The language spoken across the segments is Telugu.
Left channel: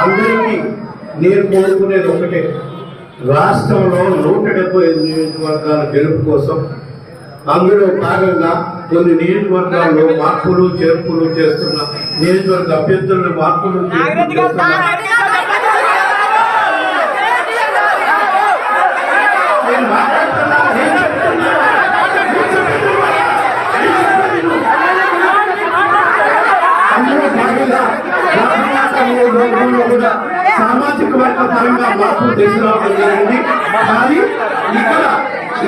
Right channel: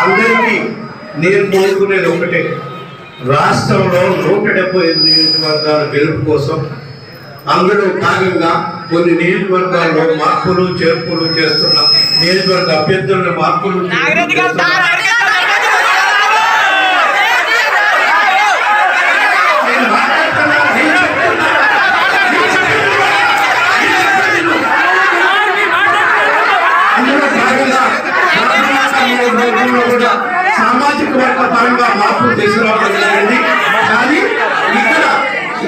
అందరికీ నేను కోరుకునేది ఒకటే. రాష్ట్రంలో నూట డెబ్బై ఎనిమిది నియోజకవర్గాల గెలుపు కోసం అందులో భాగంగా కొన్ని నియోజకవర్గాల్లో మార్పులు చేర్పులు చేస్తున్న నియోజకవర్గ అభ్యర్థులను మార్పులు చేర్పులు చేస్తున్న నేను మాట్లాడుతున్నా, నేను చెప్తున్నా. అందులో భాగంగా రాష్ట్ర నియోజకవర్గంలో కూడా సామాజిక వర్గ పరంగా మార్పు తీసుకురావడం జరిగింది. కానీ ఇక్కడ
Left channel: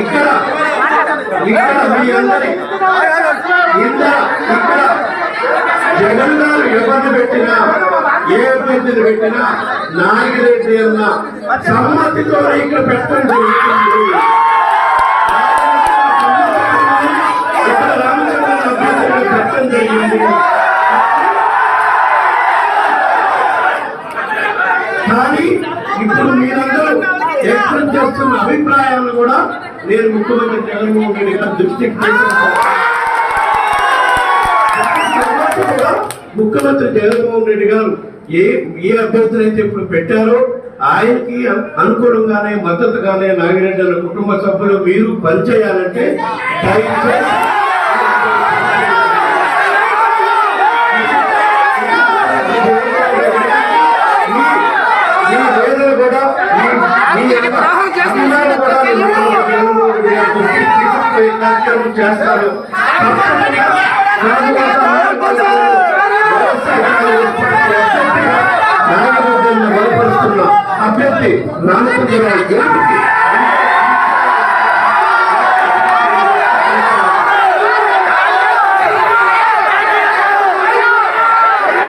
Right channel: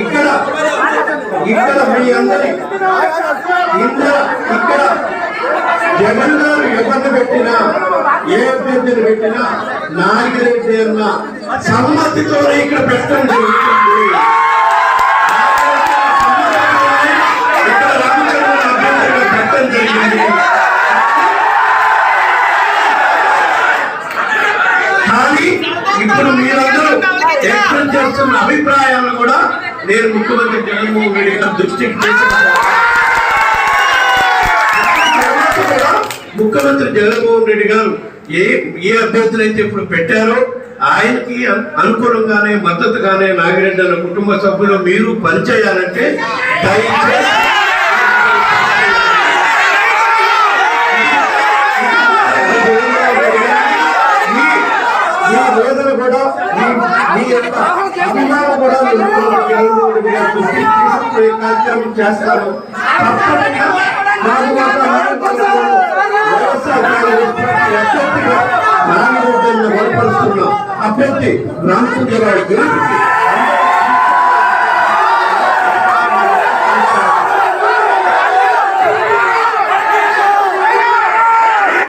ఇక్కడ ఇక్కడ మీ అందరి ఇక్కడ ఇక్కడ జగన్ గారు ఎవరిని పెట్టినా ఏ అభ్యర్థిని పెట్టినా నాగిరెడ్డి అన్న సమ్మతితో ఇక్కడ పెట్టండి చేస్తున్న అభిప్రాయాలను కూడా నేను ముఖ్యమంత్రి జగన్మోహన్ రెడ్డి గారి దృష్టికి ముఖ్యమంత్రి జగన్మోహన్ రెడ్డి గారు ఏ ఏ అభ్యర్థులు అయితే ఇప్పుడు పెట్టారో ఆయనకి అనుకూలంగానే మద్దతుగానే నాగిరెడ్డి కుటుంబ సభ్యులు మీరు పనిచేయాలంటే దయచేసి మీ- మీ అందరూ కూడా మీ- యొక్క అభిమానం కూడా కార్యక్రమం చేస్తారు. అభ్యర్థి రామచంద్రరావు గెలుపుకి